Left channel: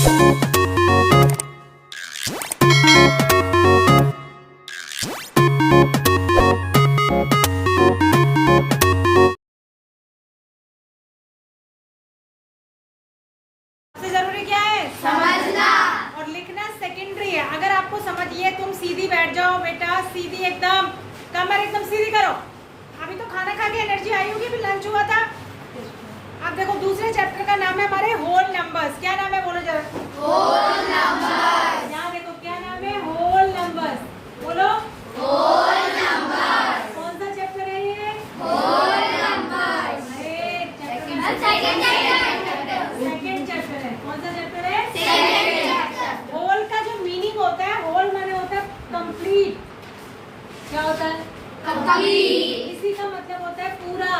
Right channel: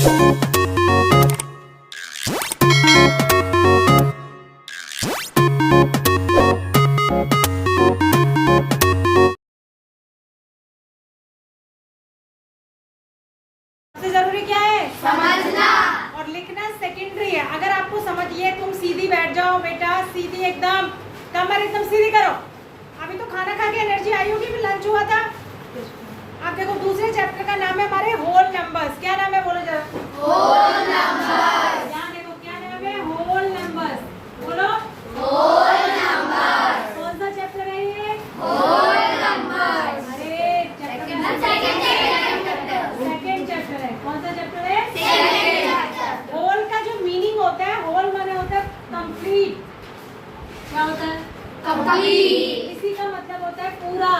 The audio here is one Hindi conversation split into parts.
सबसे जरूरी क्या है? समझना। और लिखना सेकेंडरी है। अगर आपको समझिए, तुम सीधी बैठ जाओ बेटा, सीधी एकदम, कमर एकदम सीधी करो। अभी तो खाना खा के एनर्जी आई होगी, फिर लंच हुआ था। आप देखो, दूसरे चैप्टर का नाम है हमारे होल नंबर्स। क्या नाम है बोलो जरा? Whole numbers. यहाँ देखो क्या नाम है? Whole numbers. बोलो होल नंबर्स। कौन सा चैप्टर है ये? Whole numbers. अरे सेकंड चैप्टर है। कौन सा चैप्टर है? Second chapter. होल का जो मीनिंग होता है, होल माने होता है कंप्लीट। क्या होता है? कंप्लीट। इसी का मतलब होता है पूरा।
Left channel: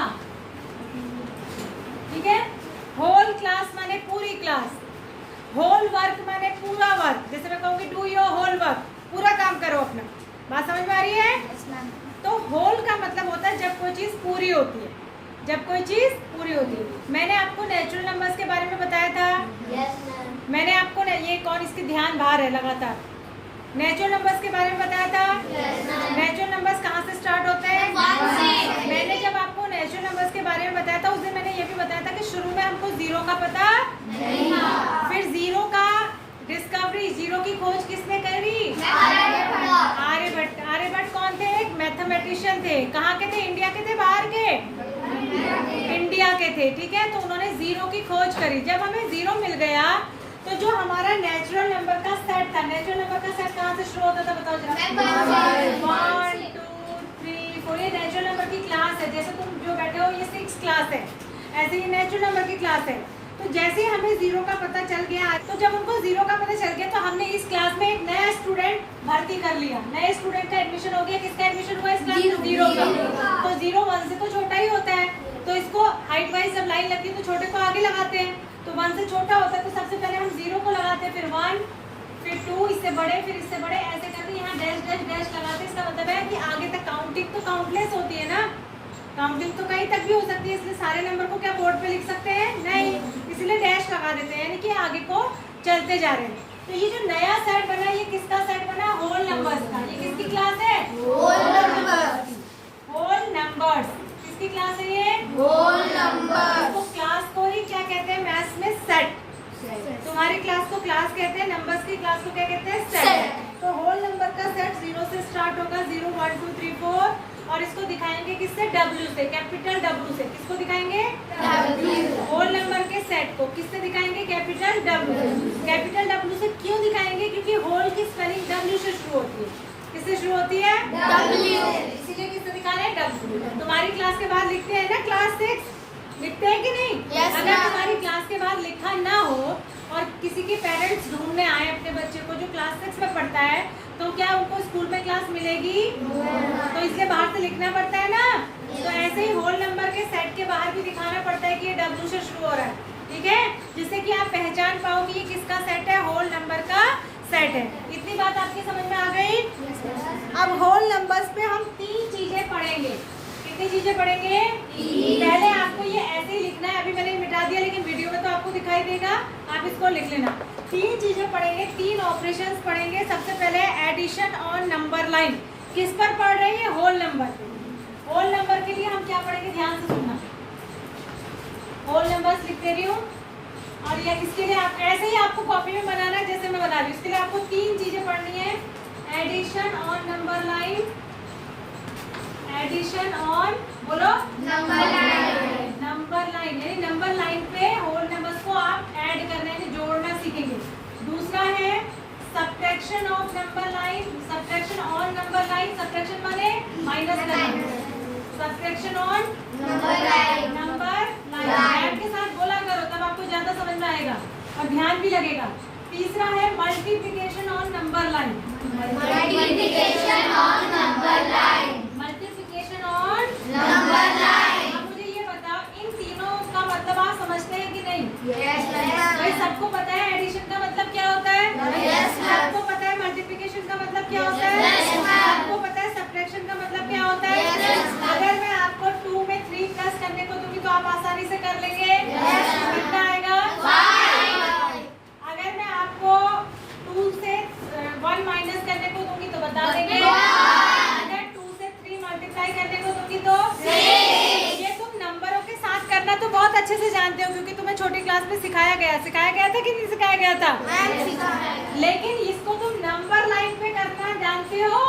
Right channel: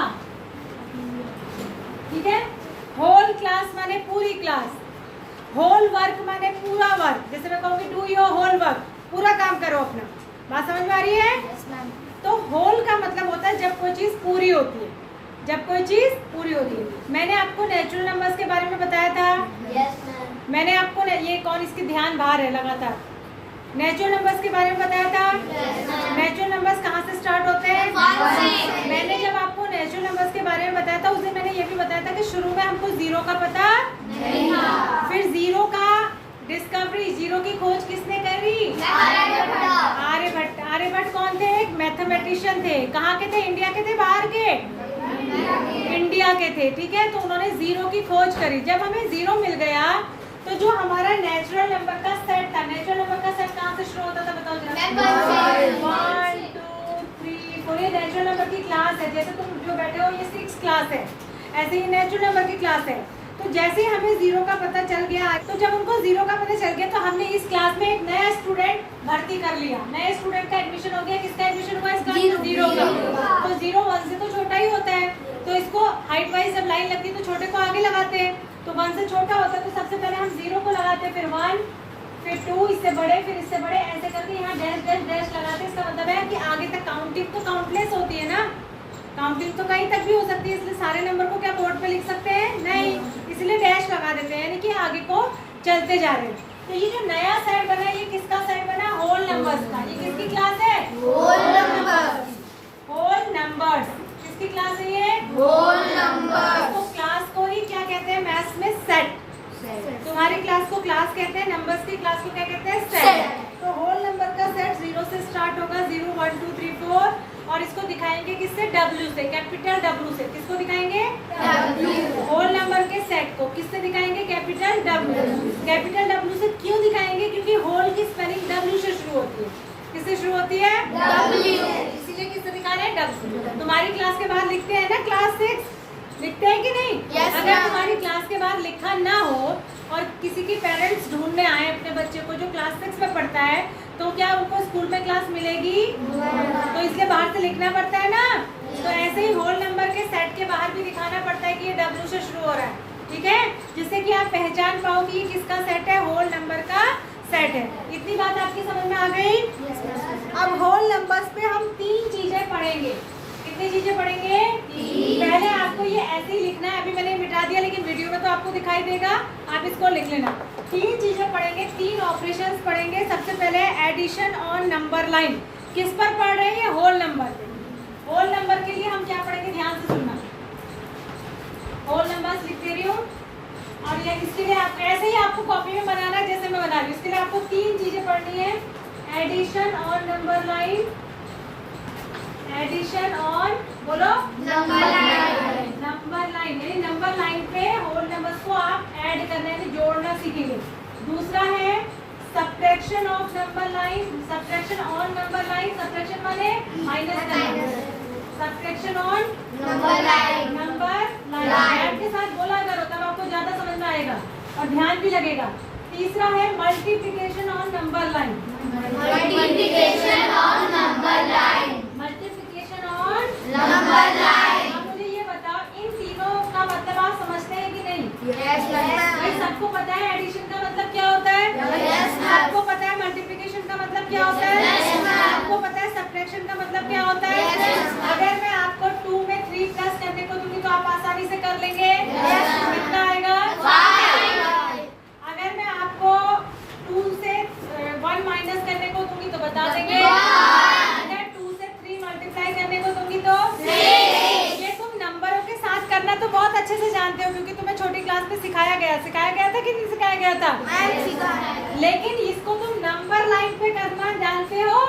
ठीक है? होल क्लास माने पूरी क्लास, होल वर्क माने पूरा वर्क। जैसे मैं कहूँगी डू योर होल वर्क, पूरा काम करो अपना। बात समझ में आ रही है? तो होल का मतलब होता है जब कोई चीज पूरी होती है, जब कोई चीज पूरी होती है। मैंने आपको नेचुरल नंबर्स के बारे में बताया था। मैंने आपको ये कौन इसकी ध्यान बाहर है लगातार, नेचुरल नंबर्स के बारे में बताया था। नेचुरल नंबर्स कहाँ से स्टार्ट होते हैं? मैंने जब आपको नेचुरल नंबर्स के बारे में बताया था, उस दिन मैंने ये भी बताया था कि शुरू में हमको जीरो का पता नहीं था। फिर जीरो का डिस्कवरी, जीरो की खोज किसने करी? आर्यभट्ट। आर्यभट्ट कौन थे? एक मैथमेटिशियन थे। कहाँ के थे? इंडिया के थे, बाहर के? इंडिया के थे। ठीक है, तो उन्होंने जीरो की खोज करी। जब हमें जीरो मिल गया, तो जो हमारा नेचुरल नंबर का सेट था, नेचुरल नंबर का सेट कहाँ से शुरू होता था बताओ जरा? 1 2 3 4। ये नेचुरल नंबर की क्लास है। जैसे तुम जो बैठे हो, ये 6 क्लास है, ऐसे ही नेचुरल नंबर की क्लास है। तो जैसे हमें जीरो का पता चल गया, तो जब उनको जीरो का पता चल गया, तो हमने इस क्लास में एक नया स्टूडेंट भर्ती कर लिया। नए स्टूडेंट का एडमिशन हो गया। किसका एडमिशन हुआ इस क्लास में? जीरो का। तो जीरो 1 से तो छोटा ही होता है, तो इसको हाइट वाइज जब लाइन लगती है तो छोटे को आगे लगाते हैं। तो 1 से छोटा होता है, तो सबसे पहले हम जीरो को लगाते हैं, फिर 1, फिर 2, इससे बड़े, फिर इससे बड़े, ऐसे करके यहाँ डैश डैश डैश लगाते हैं। इसका मतलब है कि आगे तक काउंटिंग तो काउंटलेस होती है ना, काउंटिंग तो कहीं तक भी हो सकती है, इसलिए सारे नंबर को क्या बोर्ड पे लिख सकते हैं? नहीं, इसलिए डैश लगा देते हैं, यानी कि आगे को चलते जा रहे हैं। तो ये जो नया सेट बना, ये किसका सेट बना? होल नंबर्स का। ये किसकी क्लास है? Whole numbers. होल नंबर्स किसकी क्लास है ये? Whole numbers. तो क्लास को ही क्या कहते हैं मैथ्स में? सेट। तुम्हारी क्लास को क्लास कहते हैं, नंबर्स की क्लास को क्या कहते हैं? सेट। तो होल नंबर का सेट जीरो से स्टार्ट होगा, 0 1 2 3 4, और इसको दिखाएंगे किससे? W से, कैपिटल W से। किसको दिखाएंगे? W। होल नंबर के सेट को किससे दिखाएंगे? Capital W। कैपिटल W से क्यों दिखाएंगे? क्योंकि होल की स्पेलिंग W से शुरू होती है। किससे शुरू होती है? W। इसलिए किससे दिखा रहे हैं? W। तुम्हारी क्लास के बाद लिखते हैं ना क्लास 6, लिखते हैं कि नहीं? अगर तुम्हारी क्लास के बाद लिखा ना हो और किसी के पेरेंट्स ढूंढने आए अपने बच्चे को जो क्लास 6 में पढ़ता है, तो क्या उनको स्कूल में क्लास मिलेगी? तो इसलिए बाहर से लिखना पड़ता है ना। तो ऐसे ही होल नंबर के सेट के बाहर भी दिखाना पड़ता है कि ये W से शुरू हो रहा है। ठीक है, जिससे कि आप पहचान पाओ कि ये किसका सेट है? होल नंबर का सेट है। इतनी बात आपकी समझ में आ गई? अब होल नंबर्स पे हम 3 चीजें पढ़ेंगे। कितनी चीजें पढ़ेंगे? पहले आपको ये ऐसे ही लिखना है, अभी मैंने मिटा दिया लेकिन वीडियो में तो आपको दिखाई देगा, आप इसको लिख लेना। 3 चीजें पढ़ेंगे, 3 ऑपरेशंस पढ़ेंगे। सबसे पहले एडिशन ऑन नंबर लाइन। किस पर पढ़ रहे हैं? Whole number. होल नंबर के लिए हम क्या पढ़ेंगे? ध्यान से सुनना। होल नंबर्स लिख दे रही हूँ, और ये इसके लिए आप ऐसे ही आपको कॉपी में बनाना है जैसे मैं बता रही हूँ। इसके लिए आपको 3 चीजें पढ़नी है। Addition on number line, addition on, बोलो, नंबर लाइन। नंबर लाइन यानी नंबर लाइन पे होल नंबर्स को आप ऐड करना है, जोड़ना सीखेंगे। दूसरा है subtraction of number line, subtraction on number line. Subtraction माने माइनस करना, subtraction on number line. Number line के साथ बोला करो, तब आपको ज्यादा समझ में आएगा और ध्यान भी लगेगा। तीसरा है multiplication on number line, multiplication on number line, multiplication on number line. अब मुझे ये बताओ, इन तीनों का मतलब आप समझते हैं कि नहीं? भाई सबको पता है एडिशन का मतलब क्या होता है? सबको पता है मल्टीप्लिकेशन का मतलब क्या होता है? सबको पता है सब्ट्रैक्शन का मतलब क्या होता है? अगर मैं आपको 2 में 3 प्लस करने को दूंगी तो आप आसानी से कर लेंगे? कितना आएगा? 5। अगर मैं जानते हो क्योंकि तुम्हें छोटी क्लास में सिखाया गया था कि नहीं सिखाया गया था? लेकिन इसको तुम नंबर लाइन पे करना जानते हो?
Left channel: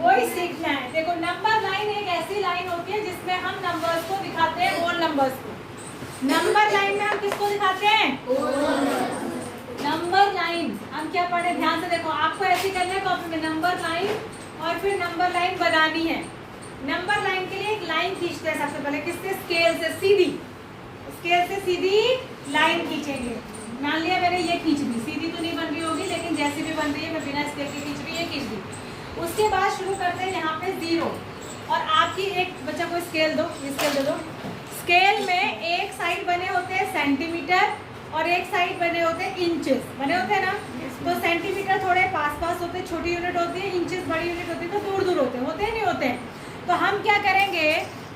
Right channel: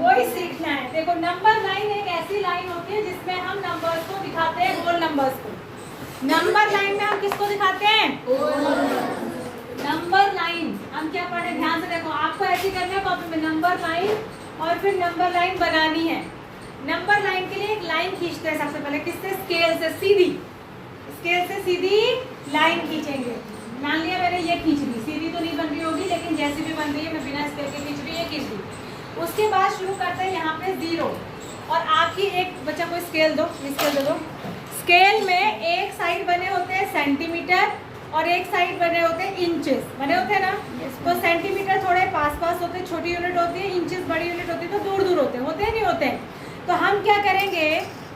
वही सीखना है। देखो नंबर लाइन एक ऐसी लाइन होती है जिसमें हम नंबर्स को दिखाते हैं, होल नंबर्स को। नंबर लाइन में हम किसको दिखाते हैं? Number line. हम क्या पढ़े ध्यान से देखो, आपको ऐसी करना है कॉपी में नंबर लाइन और फिर नंबर लाइन बनानी है। नंबर लाइन के लिए एक लाइन खींचते हैं सबसे पहले, किससे? स्केल से सीधी, स्केल से सीधी लाइन खींचेंगे। मान लिया मैंने ये खींच दी, सीधी तो नहीं बन रही होगी लेकिन जैसी भी बन रही है मैं बिना स्केल के खींच रही है, ये खींच दी। उसके बाद शुरू करते हैं यहाँ पे 0 और आपकी एक बच्चा को स्केल दो, स्केल दे दो। स्केल में एक साइड बने होते हैं सेंटीमीटर और एक साइड बने होते हैं इंचेस, बने होते हैं ना। तो सेंटीमीटर थोड़े पास पास होते हैं, छोटी यूनिट होती है, इंचेस बड़ी यूनिट होती है, तो दूर दूर होते हैं नहीं होते हैं। तो हम क्या करेंगे,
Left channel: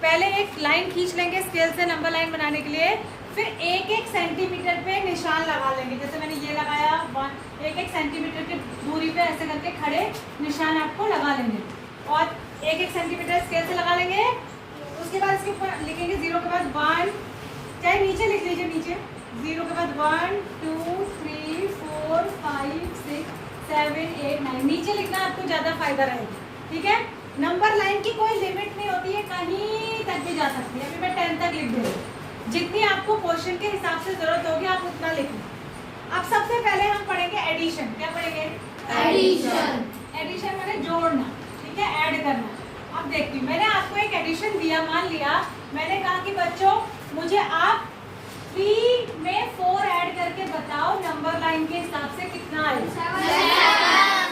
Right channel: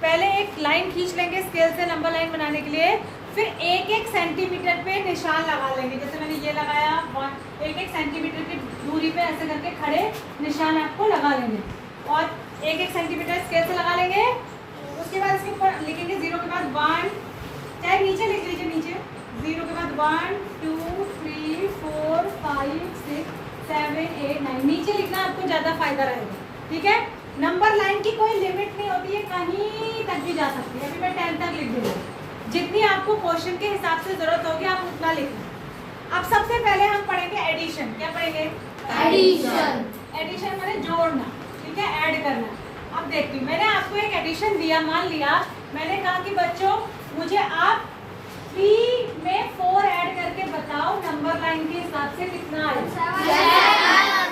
पहले एक लाइन खींच लेंगे स्केल से नंबर लाइन बनाने के लिए, फिर एक एक सेंटीमीटर पे निशान लगा लेंगे। जैसे मैंने ये लगाया, एक एक सेंटीमीटर की दूरी पे ऐसे करके खड़े निशान आपको लगा लेंगे और एक एक सेंटीमीटर स्केल से लगा लेंगे। उसके बाद इसके ऊपर लिखेंगे 0 के बाद 1, चाहे नीचे लिख लीजिए, नीचे 0 के बाद 1 2 3 4 5 6 7 8 9, नीचे लिखना आपको ज़्यादा फायदा रहेगा, ठीक है। नंबर लाइन की कोई लिमिट नहीं होती है, कहीं तक भी जा सकती है। अभी मैं 10 तक लिख दूँगी, जितनी आपको क्वेश्चन के हिसाब से जरूरत होगी आप उतना लिखना। अब सबसे पहले हम पढ़ेंगे एडिशन। क्या पढ़ेंगे? एडिशन। एडिशन माने जोड़ना, ठीक है, ऐड करना। अब देखिए मैंने आपको एक एडिशन दिया, मान लिया मैंने कहा कि बच्चों मुझे आप 3 में 4 ऐड करके बताओ नंबर लाइन के हिसाब से कितना आएगा।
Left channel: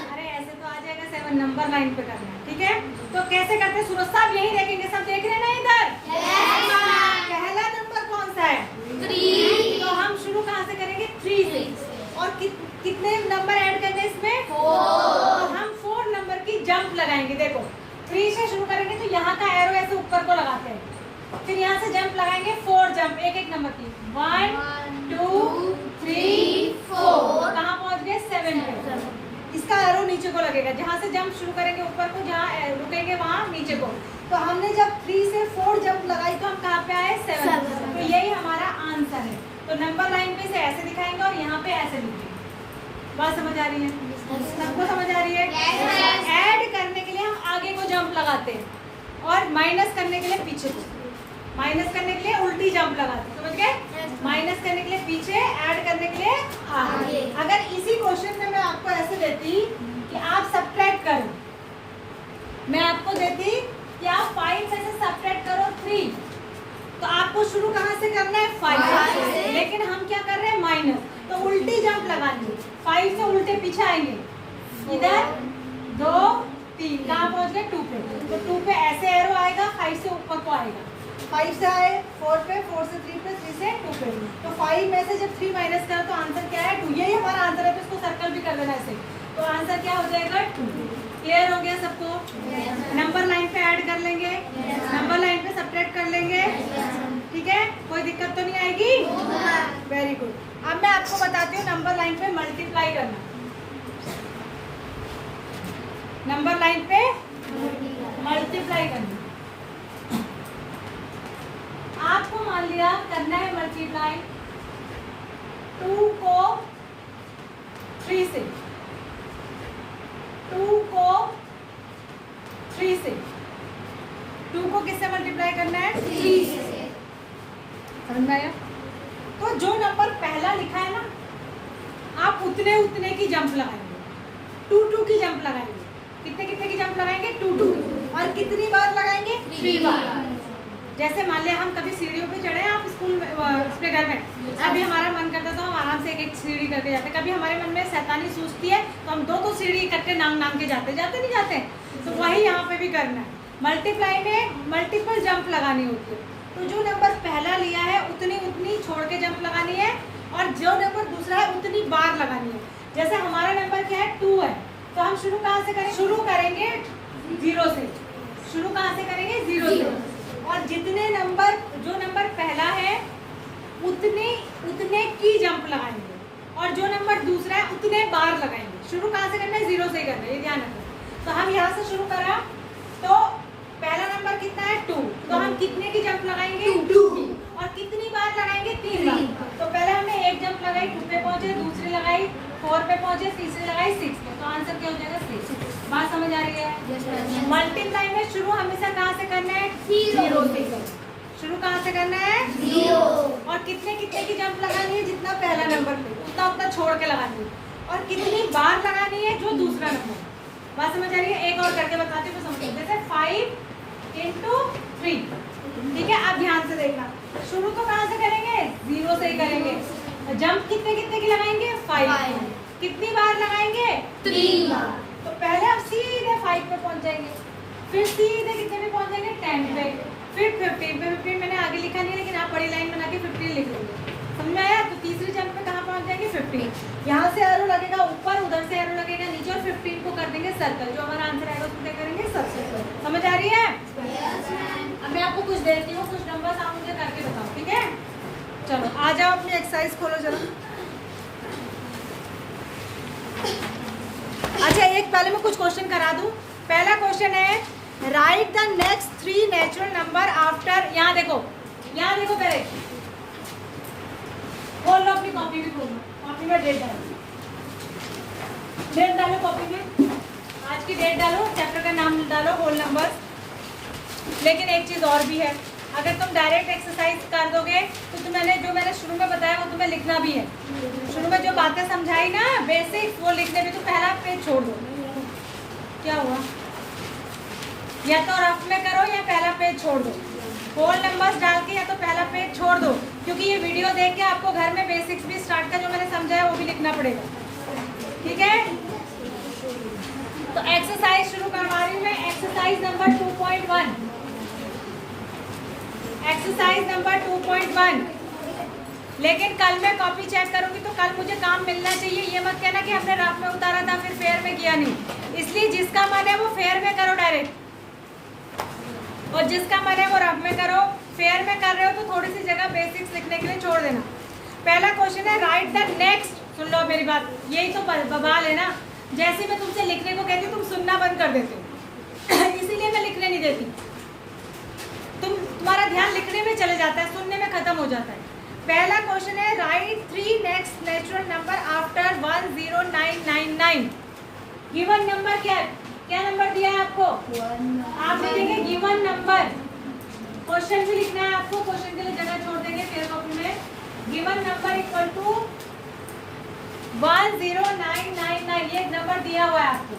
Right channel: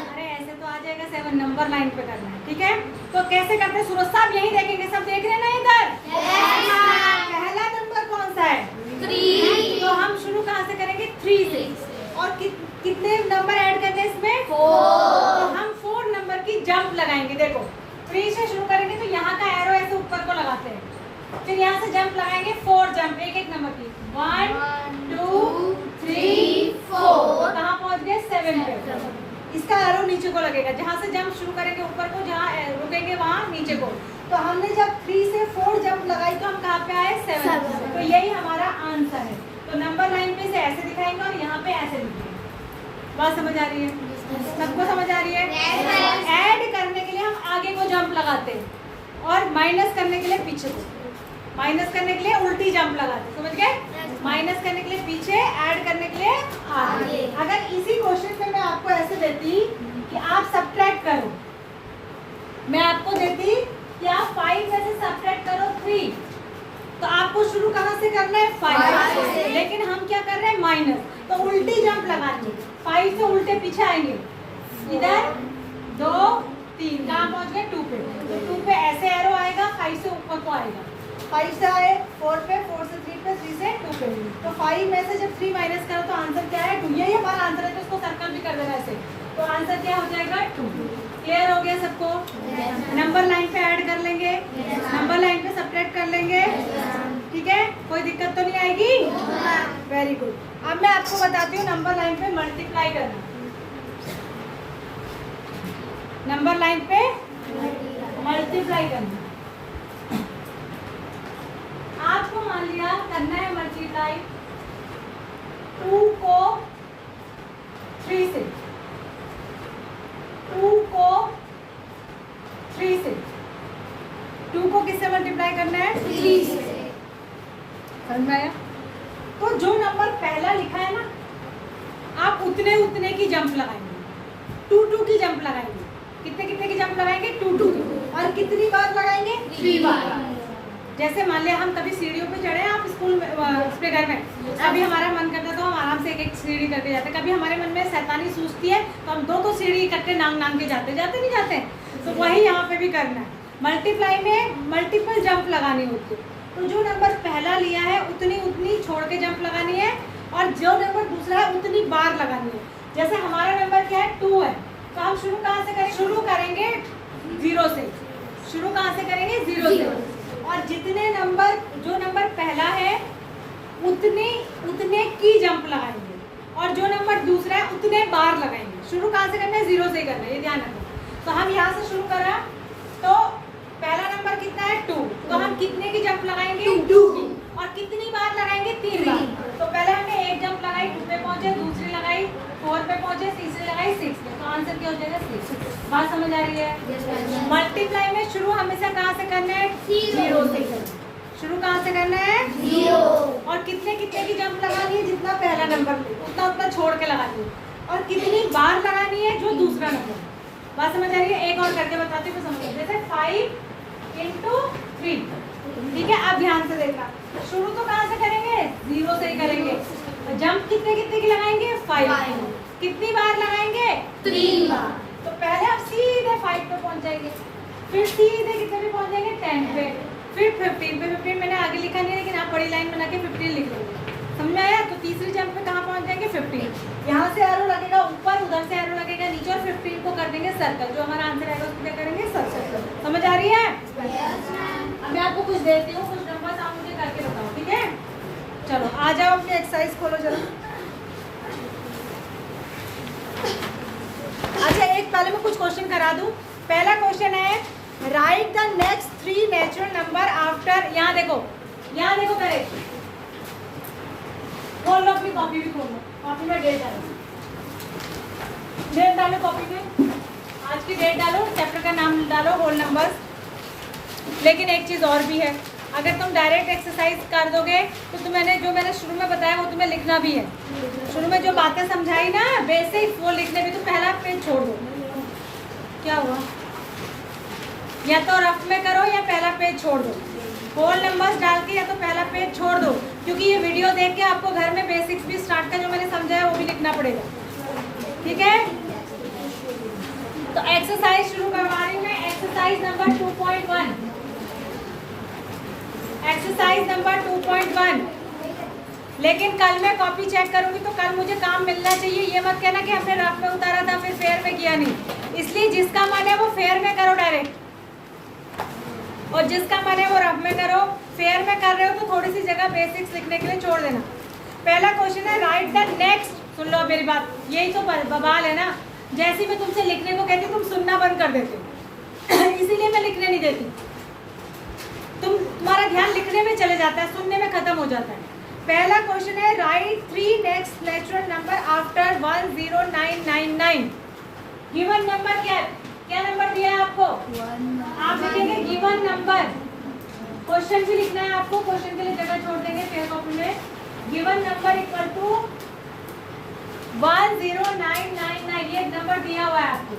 अरे ऐसे तो आ जाएगा 7, नंबर लाइन पे करना है, ठीक है। तो कैसे करते हैं सूरज साहब? यही देखेंगे, सब देख रहे हैं ना इधर? पहला नंबर कौन सा है? 3। तो हम शुरू कहाँ से करेंगे? 3 से। और कितने नंबर ऐड करने इसमें? 4। तो हम 4 नंबर की जंप लगाएंगे। देखो 3 से शुरू करेंगे तो यहाँ का एरो ऐसे ऊपर को लगाते हैं, फिर यहाँ से जंप लगाएंगे 4 जंप, एक एक नंबर की 1 2 3 4, कहाँ पहुँच गए? 7 पे। इसका एरो नीचे को लगेगा, जहाँ से जंप शुरू करेंगे ऊपर को, जहाँ रुकेंगे वहाँ नीचे को। तो हमने जब 3 से 4 जंप लगाई तो हम कहाँ पे आए? 7। तो यही हमारा आंसर है। तो नंबर लाइन पे से ऐसे दिखाएंगे और यहाँ पे ऐसे लिखेंगे। बात समझ आ रही है? सबको समझ आ रही है? ऐड करने के लिए हम आगे को जंप लगाते हैं और माइनस करने के लिए पीछे को, माइनस करने के लिए उल्टी जंप लगाते हैं, समझ गए? माइनस करने के लिए पीछे, ऐड करने के लिए आगे। अगर इसी क्वेश्चन में मैं आपको ऐसे देती कि आप सब्ट्रैक्ट करो, मैं आपको देती कि आप 5 में से सब्ट्रैक्ट करो 3, तो आपको शुरू कहाँ से करना है? 5 से। लेकिन हम क्या कर रहे हैं? माइनस, तो उल्टी जंप लगाएंगे, 5 से उल्टे पीछे आएंगे, इधर 2 3, कहाँ पहुँच गए? 2 पे। तो 2 पे ऐसे एरो आएगा, 5 से ऊपर को आएगा, 5 से आए 4 पे, 4 से 3 पे, 3 से 2 पे। तो 5 में से जब 3 माइनस करा तो आंसर क्या है? 2। यही हमारा आंसर है, तो इसको सर्कल भी कर देना ऐसे। तो आंसर क्या हो जाएगा? 2। क्लियर हो गया सबको? नंबर लाइन पे ऐड कर लेंगे, नंबर लाइन पे सब्ट्रैक्ट कर लेंगे, ठीक है, कोई दिक्कत तो नहीं आएगी? Very good. अब मैं आपको बताती हूँ नंबर लाइन पे मल्टीप्लाई करना। नंबर लाइन पे मल्टीप्लाई करना, आपको मान लिया करना है मल्टीप्लाई 2 को 3 से, 2 को 3 से, 2 को किससे मल्टीप्लाई करना है? 3 से। समझ में आया? तो जो नंबर पहला लिखा है ना, आप उतने उतने की जंप लगाएंगे, 2 की जंप लगाएंगे। कितने कितने की जंप लगाएंगे? 2। और कितनी बार लगाएंगे? 3 बार। जैसे मान लिया हम कभी सीढ़ियों पे चढ़े, आप स्कूल में अपने घर में, अभी हमारा मन करता तो हम आराम से एक एक सीढ़ी करके जाते, कभी हमारे मन में शैतानी सूझती है तो हम 2 सीढ़ी इकट्ठे नाम के जाते नहीं जाते। तो वही यहाँ पे भी करना है। मल्टीप्लाई में मल्टीपल जंप लगानी होती है, तो जो नंबर पहला लिया है उतनी छोड़ के जंप लगानी है, और जो नंबर दूसरा है उतनी बार लगानी है। जैसे हमारा नंबर क्या है? 2 है, तो हम शुरू कहाँ से करें? शुरू करेंगे 0 से। शुरू कहाँ से करेंगे? 0 से। और जितने नंबर, जो नंबर पहला है उतने की जंप लगाएंगे, और जो नंबर दूसरा है उतने बार लगाएंगे। शुरू कहाँ से करना है? 0 से ही करना है, ये ध्यान रखना। तो हम यहाँ से शुरू करा, तो पहला नंबर कितना है? 2, तो हम कितने की जंप लगाएंगे? 2 की। और कितनी बार लगाएंगे? 3 बार। तो पहले हमने एक जंप लगाई, 2 पे पहुंचे, दूसरी लगाई 4 पे पहुंचे, तीसरी लगाई 6 पे। तो आंसर क्या हो जाएगा? 6। बात समझ आ रही है? मल्टीप्लाई में शुरू हमेशा कहाँ से करना है? 0 से करना है। शुरू कहाँ से करना है? 0। और कितने कितने की जंप लगानी है? जितना पहला नंबर ले उतना उतना छोड़ के लगानी है। और कितनी बार लगानी है? जो दूसरा नंबर। बात समझ आ रही है? एक और करके बताती हूँ, समझिए। जैसे 5 × 3, ठीक है? आप ध्यान से देखना। शुरू तो कहाँ से करेंगे? 0 से ही करेंगे। जंप कितने कितने की लगाएंगे? 5। कितनी बार लगाएंगे? 3 बार। तो पहले आप सीधे 5 पे पहुंच जाएंगे, फिर सीधे कितने पे पहुंच जाएंगे? 10 पे, फिर 15 पे। 15 मैंने आगे लिखा नहीं है, लेकिन आप बड़ी लाइन बना के 15 लिख लोगे। समझ आया? तो तीसरी जंप पे कहाँ पहुंच जाएंगे? 15। यहाँ से एरो लगेगा ऊपर, उधर से एरो लगेगा नीचे, और 15 को कर देंगे सर्कल। जो हमारा आंसर आएगा उसको क्या करेंगे? सर्कल। समझ आ रही है? अब मैं आपको कुछ देती हूँ, कुछ नंबर आप मुझे करके बताओ, ठीक है? चलो आ जाओ, अपनी एक्सरसाइज खोलो जरा। अच्छा, एक पहले मैं कुछ क्वेश्चन करा दूं। पहला क्वेश्चन है, write the next 3 natural number after. यहाँ देखो पहले खोल लो, अपनी कॉपी भी खोल लो। कॉपी में डेट डालो कॉपी में, आज की डेट डालो, चैप्टर का नाम डालो, होल नंबर्स। लेकिन एक चीज़ और भी है, अगर तुम डायरेक्ट एक्सरसाइज कर दोगे तो जो मैंने शुरू में बताया वो तुम्हें लिखना भी है। शुरू में जो बातें समझाई ना बेसिक्स, वो लिखने भी। तो पहला पेज छोड़ दो। क्या हुआ? या तो रफ में करो या पहला पेज छोड़ दो। होल नंबर्स डाल के या तो पहला पेज छोड़ दो, क्योंकि ये वीडियो देख के आपको घर में बेसिक्स भी स्टार्ट का जो मैंने समझाया वो भी लिखना पड़ेगा, ठीक है? तो एक्सरसाइज शुरू करवा रही हूँ मैं। Exercise number 2.1। Exercise number 2.1। लेकिन कल मैं कॉपी चेक करूंगी तो कल मुझे काम मिलना चाहिए। ये मत कहना कि हमने रफ में उतारा था फिर फेयर में किया नहीं। इसलिए जिसका मन है वो फेयर में करो डायरेक्ट, और जिसका मन है वो रफ में करो। फेयर में कर रहे हो तो थोड़ी सी जगह बेसिक्स लिखने के लिए छोड़ देना। पहला क्वेश्चन है, राइट द नेक्स्ट। सुन लो मेरी बात, यही तो बवाल है ना। जैसे मैं तुमसे लिखने को कहती हूँ तुम सुनना बंद कर देते हो इसीलिए मैं लिखने नहीं देती। तुम्हारा ध्यान लिखने में चले जाता है, सुनने में खत्म हो जाता है। पहला क्वेश्चन है, right 3 next natural number after 10999। Given number क्या नंबर दिया है आपको? आप लिखेंगे गिवन नंबर। क्वेश्चन भी लिखना है आपको, क्वेश्चन के लिए जगह छोड़ देंगे फेयर कॉपी में। गिवन नंबर इक्वल टू 10999, ये नंबर दिया हुआ है आपको।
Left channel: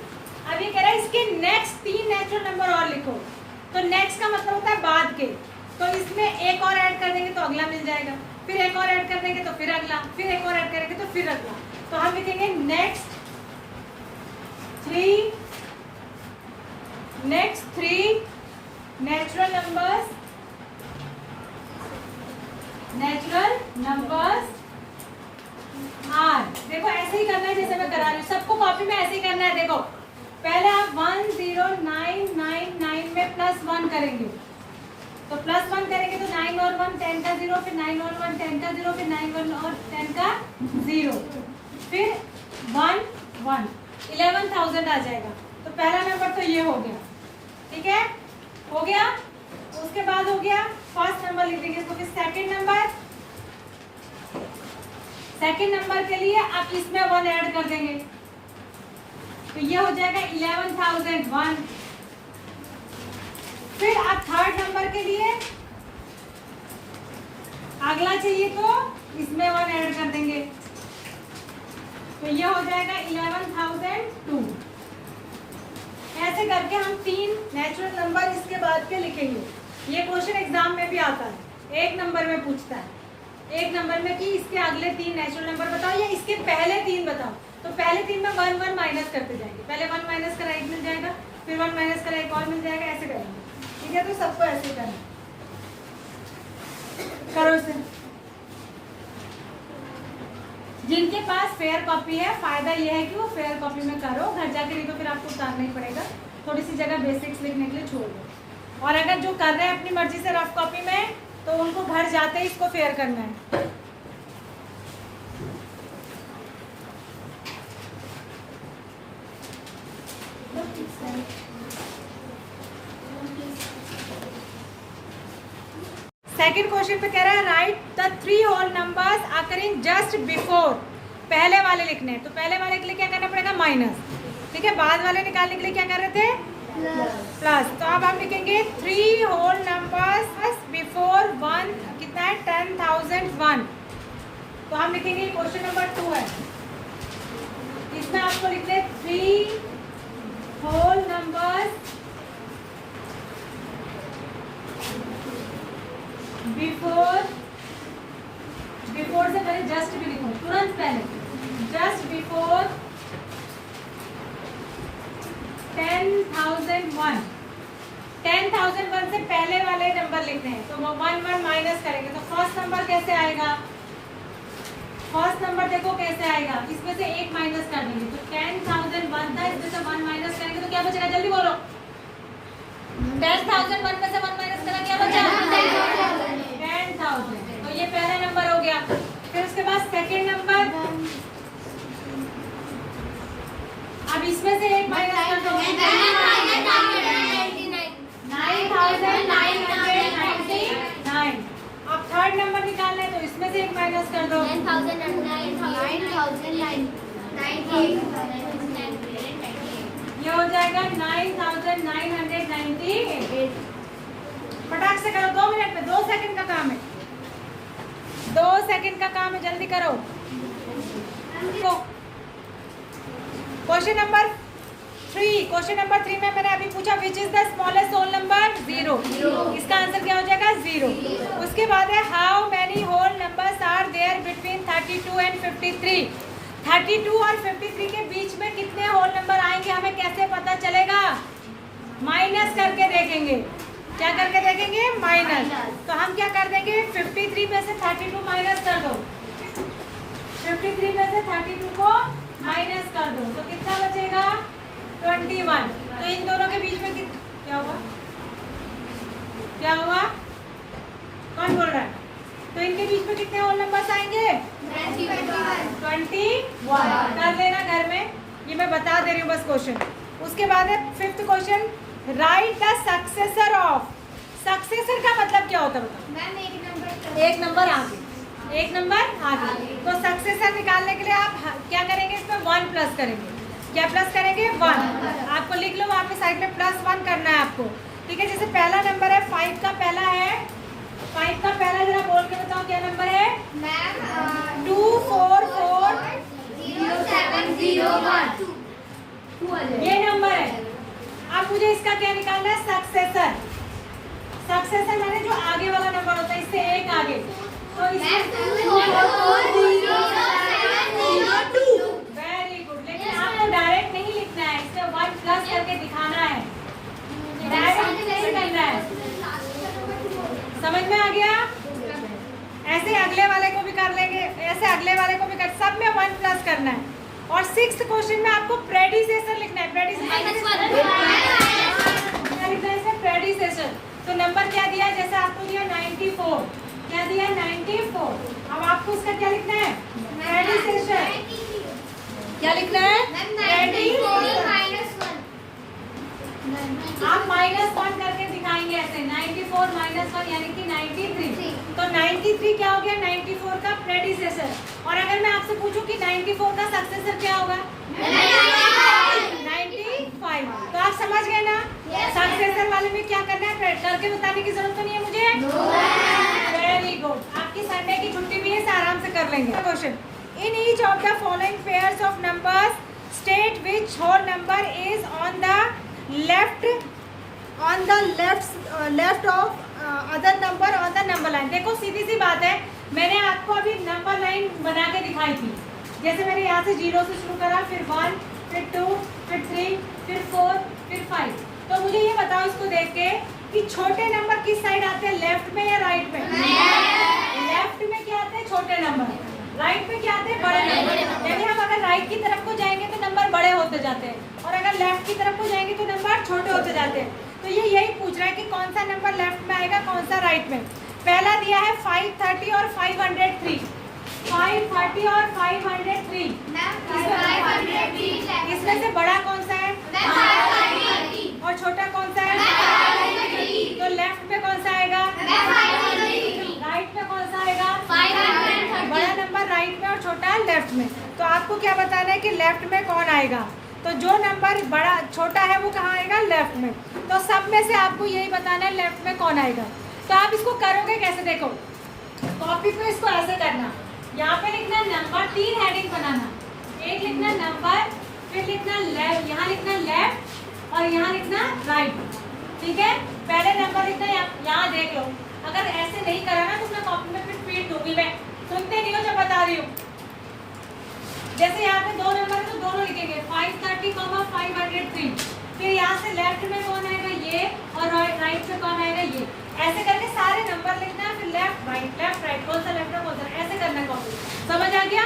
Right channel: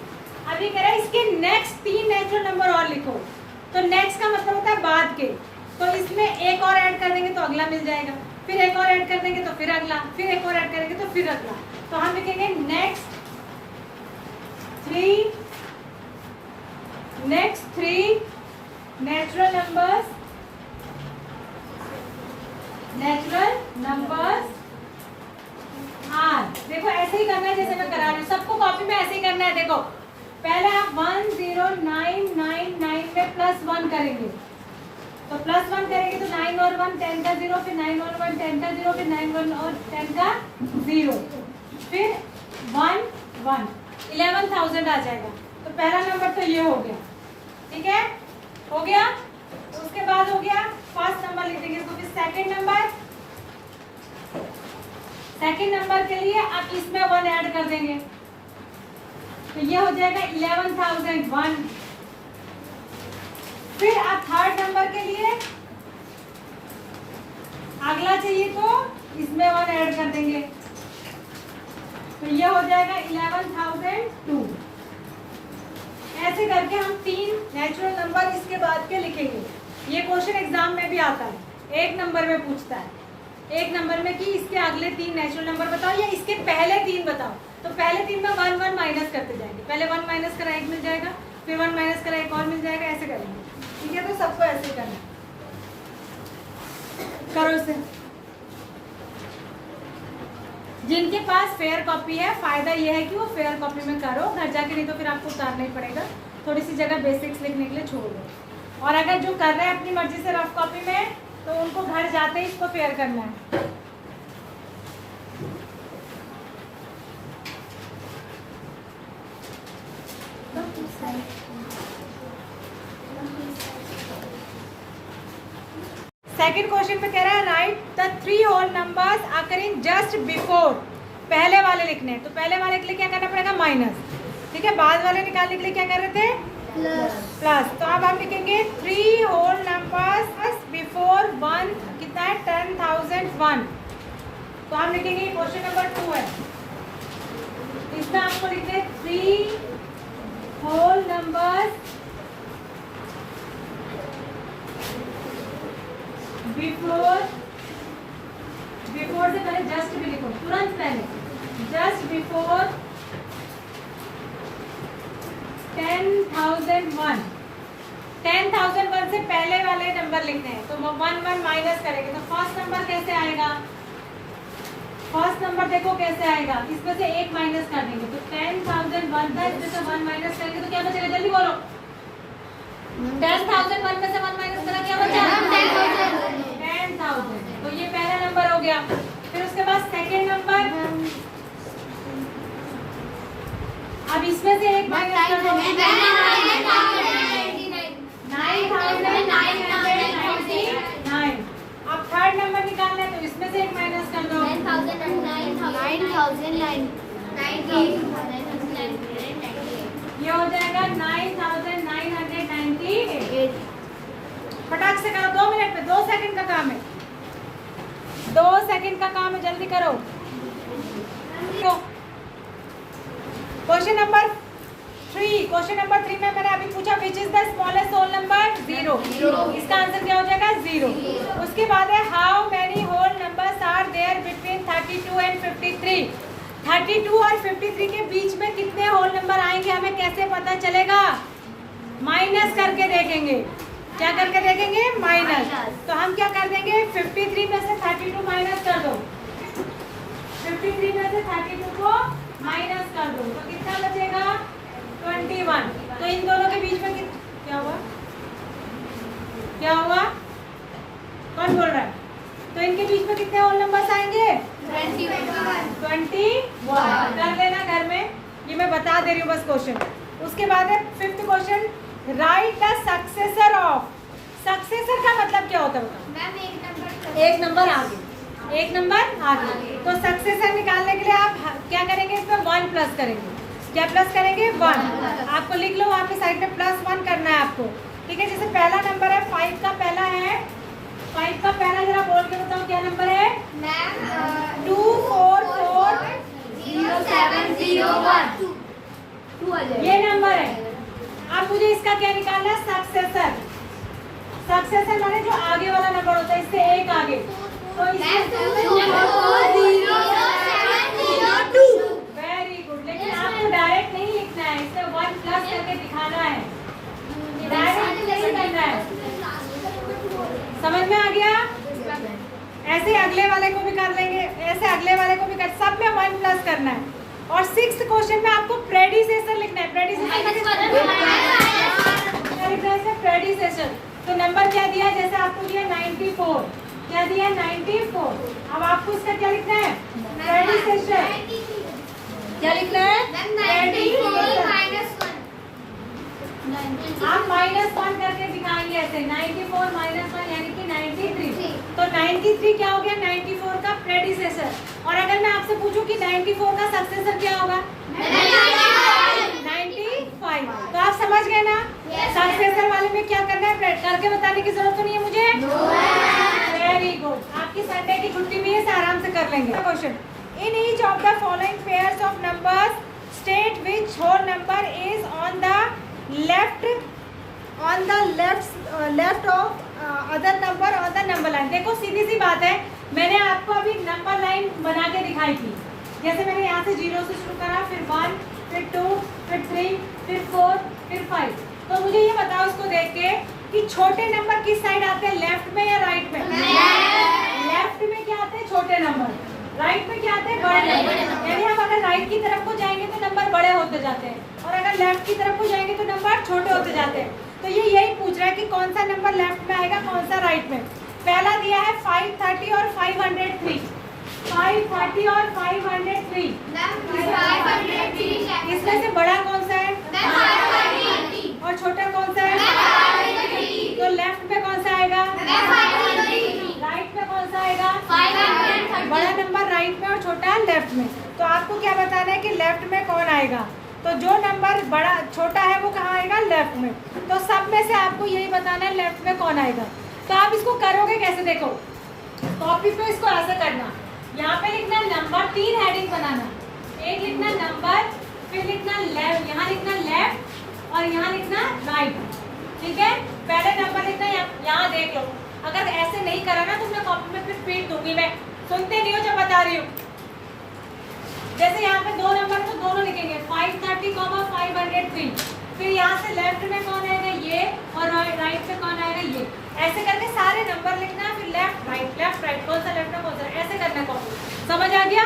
अब ये कह रहा है इसके नेक्स्ट 3 नेचुरल नंबर और लिखो। तो नेक्स्ट का मतलब होता है बाद के। तो इसमें एक और ऐड कर देंगे तो अगला मिल जाएगा, फिर एक और ऐड कर देंगे तो फिर अगला, फिर एक और ऐड करेंगे तो फिर अगला। तो हम लिखेंगे नेक्स्ट 3 नेचुरल नंबर्स आर। देखो ऐसे ही करना है जैसे मैं करा रही हूँ, सबको कॉपी में ऐसे ही करना है। देखो पहले आप 10999 में +1 करेंगे, तो +1 करेंगे तो 9 और 1 10 का 0, फिर 9 और 1 10 का 0, फिर 9 और 10 का 0, फिर 1 1 11,000 आ जाएगा। तो पहला नंबर तो ये हो गया, ठीक है? हो गया। उसके बाद हो गया फर्स्ट नंबर लिख देंगे इसको। फिर सेकंड नंबर के लिए आप इसमें 1 ऐड कर देंगे, तो ये हो जाएगा 11,001। फिर आप थर्ड नंबर के लिए अगला चाहिए तो इसमें 1 ऐड कर देंगे, तो ये हो जाएगा 11,002। ऐसे करके हम 3 नेचुरल नंबर इसके बाद के लिखेंगे। ये क्वेश्चन एग्जाम में भी आता है, 1 नंबर में पूछता है। 1 नंबर में कि इसके अगले 3 नेचुरल नंबर बताओ या इसके पहले 3 बताओ। तो पहले 3 में 1 1 माइनस करते जाएंगे। पहले 1 माइनस करा 1 मिल जाएगा, फिर 1 माइनस करा 1 और मिल जाएगा, ऐसे करेंगे, ठीक है? तो सबको ऐसे करना, करो इसे। जिनके पास फेयर कॉपी है, फायदा ये है कि वो फेयर कॉपी में करो, घर जाके नहीं तो फिर आपको उतारना ही पड़ेगा। थोड़ी सी जगह बेसिक्स लिखने के लिए छोड़ दो। और अगर जो कर रहे हैं अपनी मर्जी से रफ कॉपी में, तो उनको घर जाते ही इसको फेयर करना है। सेकंड क्वेश्चन पे कह रहा है write the 3 whole numbers occurring just before. पहले वाले लिखने हैं तो पहले वाले के लिए क्या करना पड़ेगा, माइनस। ठीक है, बाद वाले निकालने के लिए क्या कर रहे थे, प्लस। तो अब हम लिखेंगे 3 होल नंबर्स बिफोर 1 कितना है, 10,001। तो हम लिखेंगे क्वेश्चन नंबर 2 है, इसमें आपको लिखते 3 होल नंबर्स बिफोर से पहले जस्ट भी लिखो, तुरंत पहले जस्ट बिफोर 10,001। 10,001 से पहले वाले नंबर लिखने हैं तो 1 माइनस करेंगे। तो फर्स्ट नंबर कैसे आएगा, फर्स्ट नंबर देखो कैसे आएगा, इसमें से 1 माइनस कर देंगे तो 10,001 था, इसमें से 1 माइनस करेंगे तो क्या बचेगा, जल्दी बोलो। 10,001 में से 1 माइनस करा, क्या बचा, 10,000। तो ये पहला नंबर हो गया। फिर उसके बाद सेकेंड नंबर, अब इसमें से 1 माइनस कर दो, 9,999। अब थर्ड नंबर निकालना है तो इसमें से 1 माइनस कर दो, 9,998। ये हो जाएगा 9,998। फटाक से करो, 2 मिनट में, 2 सेकंड का काम है, 2 सेकंड का काम है, जल्दी करो। क्वेश्चन नंबर 3 में मैंने अभी पूछा which is the smallest whole number, 0। इसका आंसर क्या हो जाएगा, 0। उसके बाद है how many whole numbers are there between 32 and 53। 32 और 53 के बीच में कितने होल नंबर आएंगे, हमें कैसे पता चलेगा, माइनस करके देखेंगे। क्या करके देखेंगे, माइनस। तो हम क्या कर देंगे, 53 में से 32 माइनस कर दो, 53 में से 32 को माइनस कर दो तो कितना बचेगा, 21। तो इन दोनों के बीच में क्या हुआ, क्या हुआ, कौन बोल रहा है, तो इनके बीच में कितने होल नंबर्स आएंगे, 21। कर लेना घर में, ये मैं बता दे रही हूँ बस क्वेश्चन। उसके बाद है fifth question, right the successor of. Successor का मतलब क्या होता है बताओ, एक नंबर आगे, एक नंबर आगे। तो सक्सेसर निकालने के लिए आप क्या करेंगे, इसमें 1 प्लस करेंगे। क्या प्लस करेंगे, 1। आपको लिख लो वहाँ पे साइड में +1 करना है आपको। ठीक है, जैसे पहला नंबर है 5 का पहला है, 5 का पहला जरा बोल के बताओ क्या नंबर है, 2440701। ये नंबर है। अब मुझे इसका क्या निकालना है, सक्सेसर। सक्सेसर माने जो आगे वाला नंबर होता है, इससे एक आगे। तो इसमें वेरी गुड, लेकिन आपको डायरेक्ट नहीं लिखना है, इससे 1 प्लस करके दिखाना है, डायरेक्ट नहीं करना है। समझ में आ गया, ऐसे अगले वाले को भी कर लेंगे, ऐसे अगले वाले को भी कर, सब में 1 प्लस करना है। और 6th क्वेश्चन में आपको प्रेडिसेसर लिखना है। प्रेडिसेसर तो नंबर क्या दिया, जैसे आपको दिया 94, क्या दिया 94। अब आपको इसका क्या लिखना है, प्रेडिसेसर। क्या लिखना है, आप -1 करके दिखाएंगे ऐसे, 94 -1 यानी कि 93। तो 93 क्या हो गया, 94 का प्रेडिसेसर। और अगर मैं आपसे पूछूं कि 94 का सक्सेसर क्या होगा, 95। तो आप समझ गए ना, सक्सेसर वाले में क्या करना है, करके बताने की जरूरत तो नहीं है मुझे। वेरी गुड, आपकी संडे की छुट्टी भी है, आराम से कर लेंगे। Question, in each of the following pairs of numbers state which whole number is on the left of other number on the number line. देखो सीधी सी बात है, मैंने आपको अभी नंबर लाइन बना के दिखाई थी। जैसे मैंने यहाँ से 0 से शुरू करा, फिर 1, फिर 2, फिर 3, फिर 4, फिर 5। तो मुझे ये बताओ इसको देख के कि छोटे नंबर किस साइड आते हैं, लेफ्ट में या राइट में। लेफ्ट में क्या आते हैं, छोटे नंबर, राइट में क्या आते हैं, बड़े नंबर। यानी हम अगर राइट की तरफ को जाएंगे तो नंबर बड़े होते जाते हैं, और अगर लेफ्ट की तरफ को जाएंगे तो नंबर छोटे होते जाते हैं। तो ये यही पूछ रहा है कि कौन सा नंबर लेफ्ट में आएगा, कौन सा राइट में। पहला दिया है 530 और 503। 530 और 503, इसमें से बड़ा कौन सा है, और छोटा कौन सा है, तो लेफ्ट में कौन सा आएगा, राइट में और छोटा है लेफ्ट में। तो आपको क्या बताना है कि लेफ्ट में कौन आएगा, तो जो नंबर बड़ा छोटा है वो कहाँ आएगा, लेफ्ट में। तो सब में से आपको यही बताना है लेफ्ट में कौन आएगा। तो आप इसको करोगे कैसे, देखो कॉपी पे इसको ऐसे करना, यहाँ पे लिखना नंबर, 3 हेडिंग बनाना, एक लिखना नंबर, फिर लिखना लेफ्ट, यहाँ लिखना लेफ्ट और यहाँ लिखना राइट, ठीक है। पहले नंबर लिखना, यहाँ देख लो, अगर ऐसे नहीं करा ना तो मैं कॉपी में फिर पीट दूंगी, मैं सुनते नहीं हो जब बता रही हूँ। जैसे यहाँ पे 2 नंबर तो दोनों लिखेंगे 530, 503, फिर यहाँ से लेफ्ट में कौन आएगा ये, और राइट से कौन आएगा ये, ऐसे करके सारे नंबर लिखना है, फिर लेफ्ट राइट कौन सा लेफ्ट है कौन सा, ऐसे करना कॉपी। समझ आ गया?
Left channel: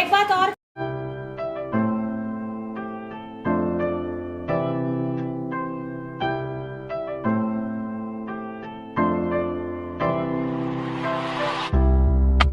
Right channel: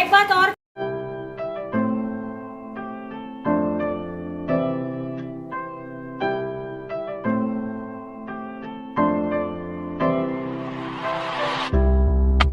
एक बात और